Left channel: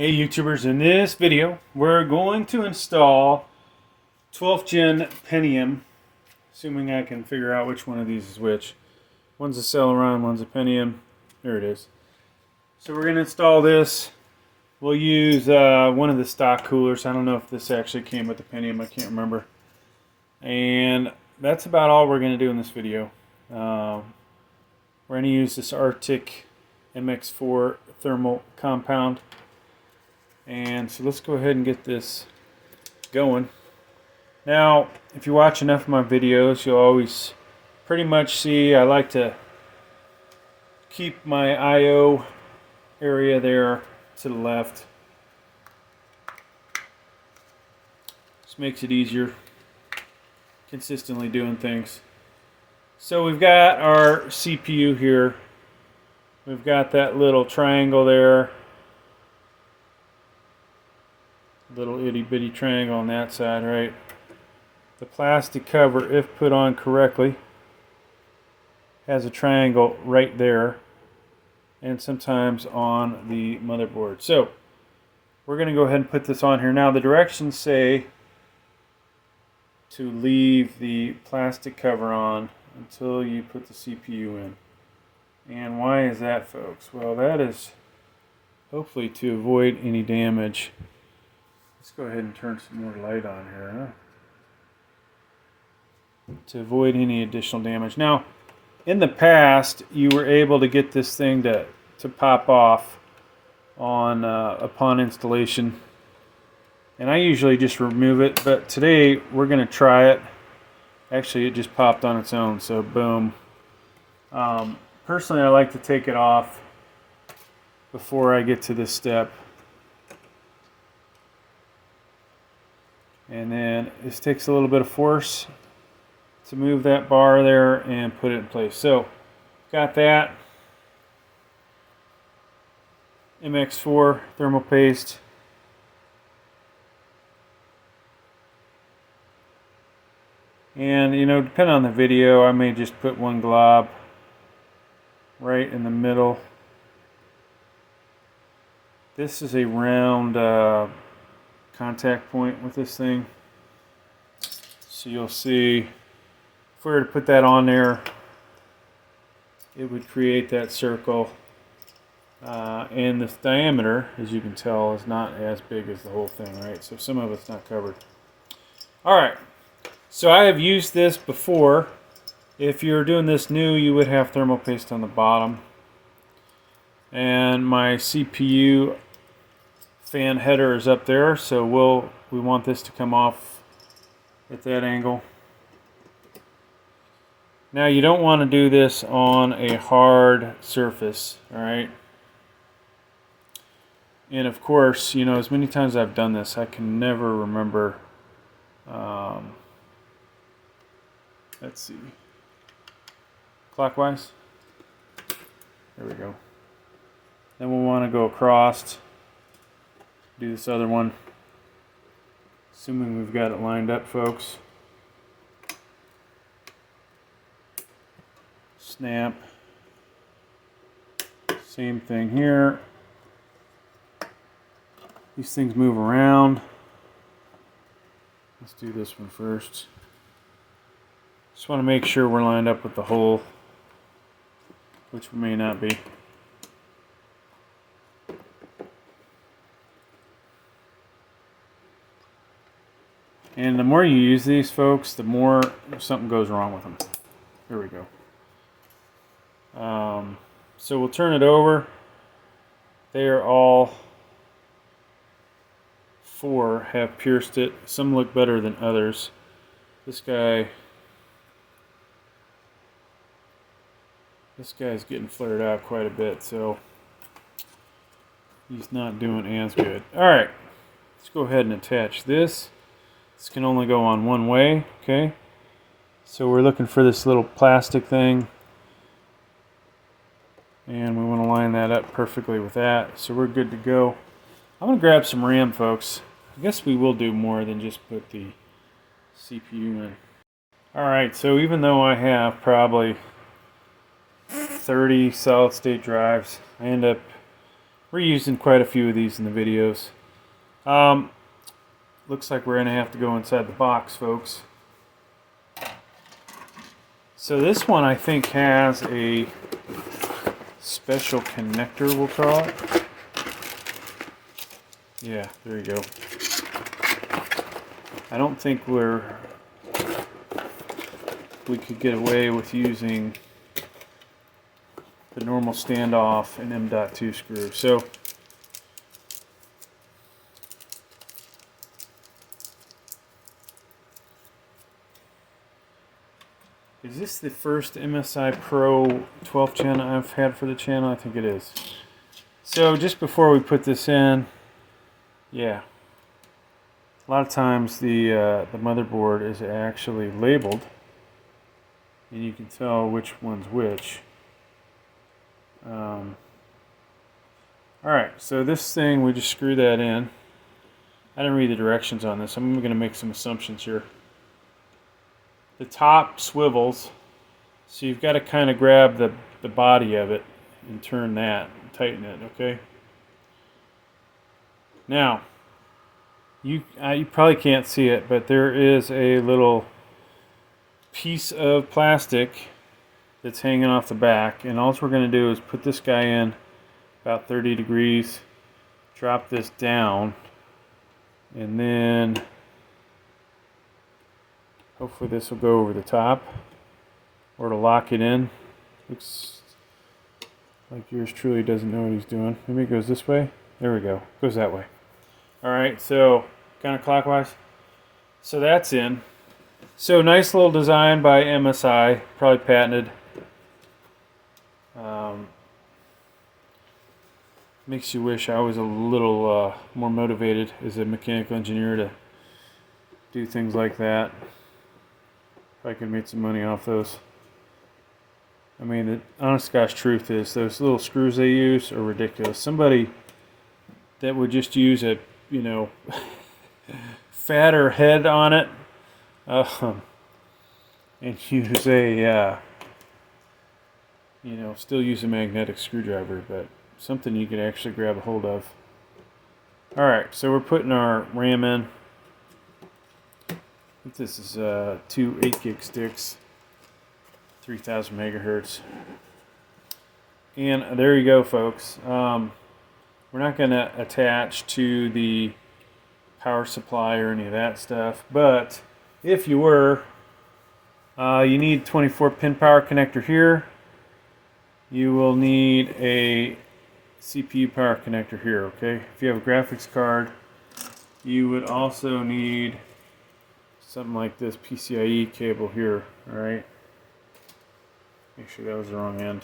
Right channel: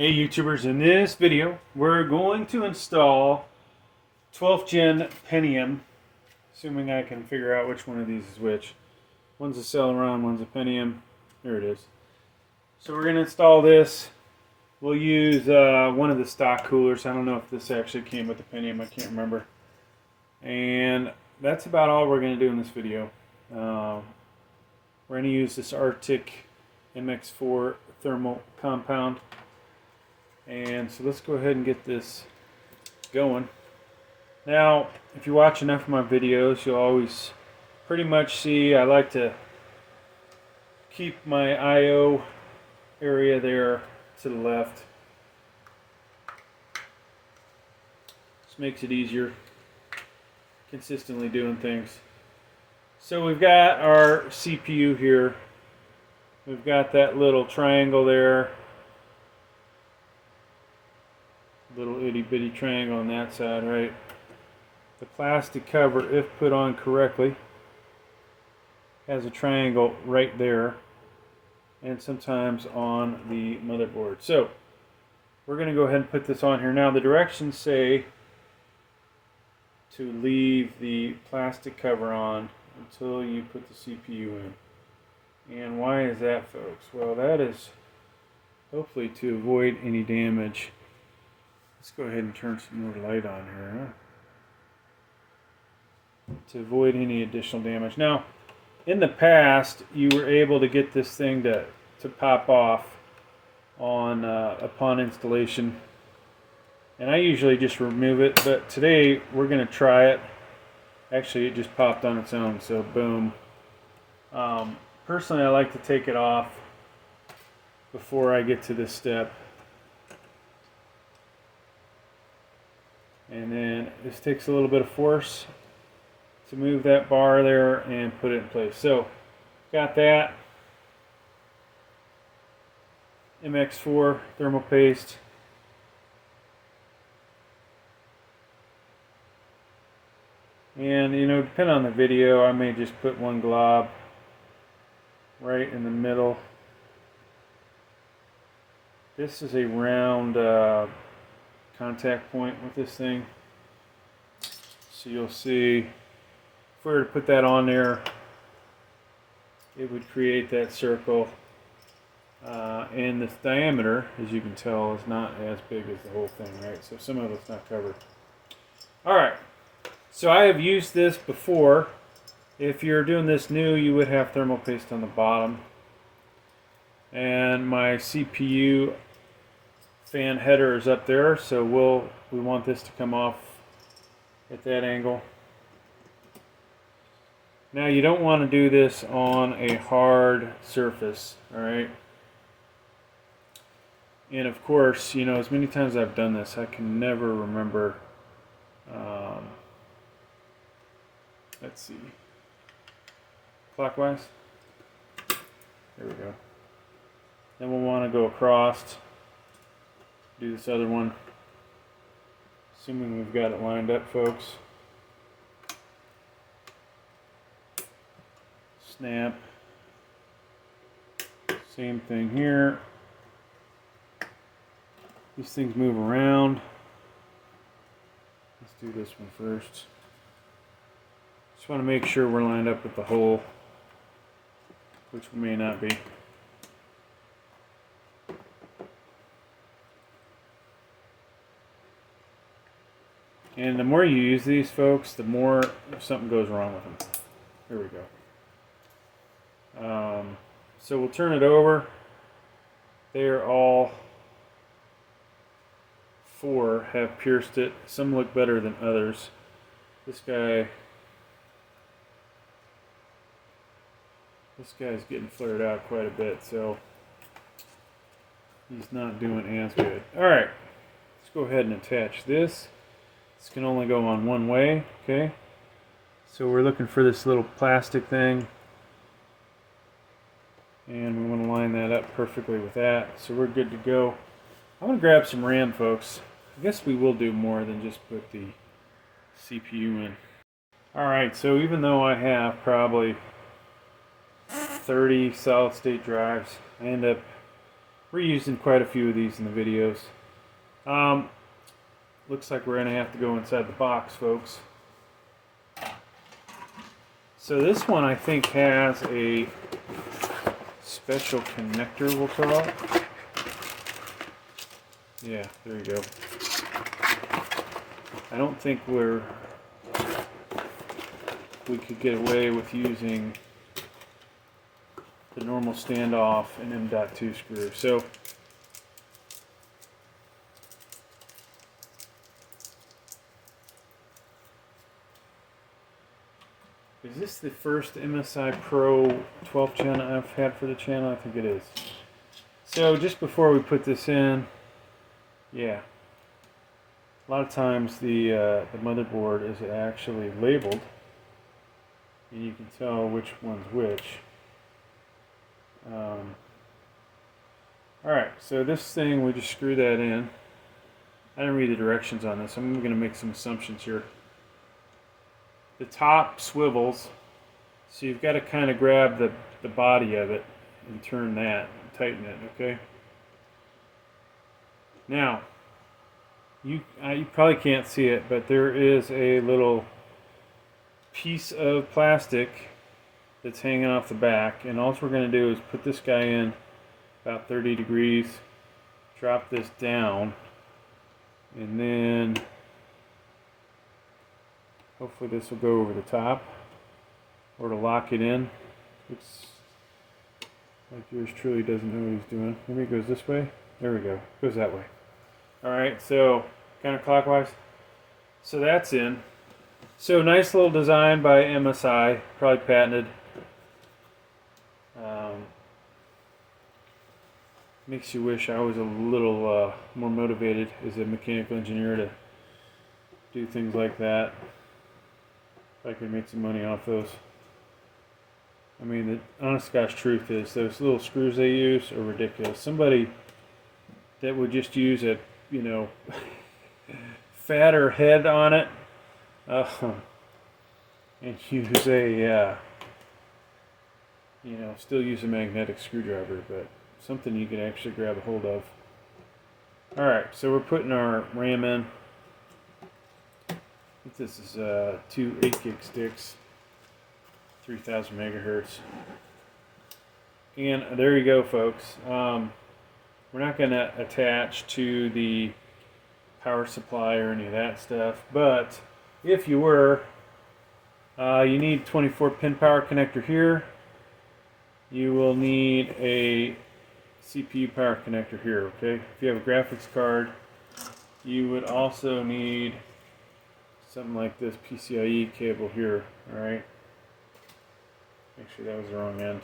Hey YouTubers, in this video we're going to install 12th gen Pentium, assuming I can figure out which one of these is which. One's a Celeron, one's a Pentium. There it is. So we're going to install this. We'll use one of the stock coolers. I don't know if this actually came with the Pentium, I can't remember. And that's about all we're going to do in this video. We're going to use this Arctic MX4 thermal compound. And so let's go ahead and get this going. Now, if you watch enough of my videos, you'll always pretty much see I like to keep my I/O area there to the left. This makes it easier consistently doing things. So we've got our CPU here. We've got that little triangle there. Little itty bitty triangle on that side, right? The plastic cover, if put on correctly, has a triangle right there, and sometimes on the motherboard. So we're going to go ahead and put this on here. Now the directions say to leave the plastic cover on until you put the CPU in. And why is that, folks? Well, that is hopefully to avoid any damage. Let's go ahead and turn some more light on here, to avoid any additional damage. Now, in the past, you were able to get this thing to pop off on upon installation, and I usually just remove it. But today we're going to try it. Actually, it just popped on its own, so boom. Personally, I like to take it off before I get to this step. And then this takes a little bit of force to move that bar there and put it in place. So, got that. MX4 thermal paste. And, you know, depending on the video, I may just put one glob right in the middle. This is a round contact point with this thing, so you'll see if we were to put that on there, it would create that circle, and the diameter, as you can tell, is not as big as the whole thing, right? So some of it's not covered. Alright, so I have used this before. If you're doing this new, you would have thermal paste on the bottom, and my CPU fan header is up there, so we want this to come off at that angle. Now you don't want to do this on a hard surface, alright? And of course, you know, as many times as I've done this, I can never remember, let's see, clockwise, there we go. Then we'll want to go across, do this other one, assuming we've got it lined up, folks. Snap. Same thing here. These things move around. Let's do this one first. Just want to make sure we're lined up with the hole, which we may not be. And the more you use these, folks, the more something goes wrong with them. Here we go. So we'll turn it over. They are all four have pierced it. Some look better than others. This guy's getting flared out quite a bit, so he's not doing as good. Alright, let's go ahead and attach this. This can only go on one way, okay? So we're looking for this little plastic thing, and we want to line that up perfectly with that, so we're good to go. I'm going to grab some RAM, folks. I guess we will do more than just put the CPU in. Alright, so even though I have probably 30 solid state drives, I end up We're using quite a few of these in the videos. Looks like we're going to have to go inside the box, folks. So this one I think has a special connector, we'll call it. Yeah, there you go. I don't think we could get away with using the normal standoff and M.2 screw. So is this the first MSI Pro 12th gen I've had for the channel? I think it is. So just before we put this in, yeah, a lot of times the motherboard is actually labeled, and you can tell which one's which. Alright, so this thing, we just screw that in. I didn't read the directions on this. I'm going to make some assumptions here. The top swivels, so you've got to kind of grab the body of it and turn that and tighten it, okay? Now, you probably can't see it, but there is a little piece of plastic that's hanging off the back, and all we're going to do is put this guy in about 30 degrees, drop this down, and then hopefully this will go over the top, or to lock it in. Looks like yours truly doesn't know what he's doing. Maybe it goes this way. There we go. It goes that way. Alright, so counterclockwise. So that's in. So nice little design by MSI, probably patented. Makes you wish I was a little more motivated as a mechanical engineer to do things like that. If I could make some money off those. I mean, the honest gosh truth is those little screws they use are ridiculous. Somebody that would just use a, you know, fatter head on it and use a, you know, still use a magnetic screwdriver, but something you can actually grab a hold of. Alright, so we're putting our RAM in. I think this is 2 8-gig sticks, 3000 megahertz. And there you go, folks. We're not going to attach to the power supply or any of that stuff, but if you were, you need 24-pin power connector here. You will need a CPU power connector here, okay? If you have a graphics card, you would also need something like this PCIe cable here, alright? Make sure that was the wrong end.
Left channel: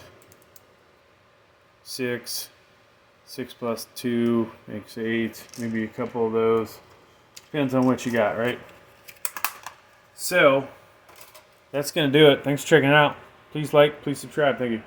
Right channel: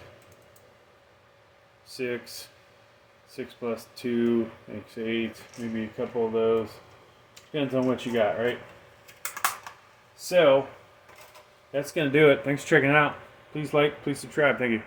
6 plus 2 makes 8, maybe a couple of those. Depends on what you got, right? So, that's going to do it. Thanks for checking it out. Please like, please subscribe. Thank you.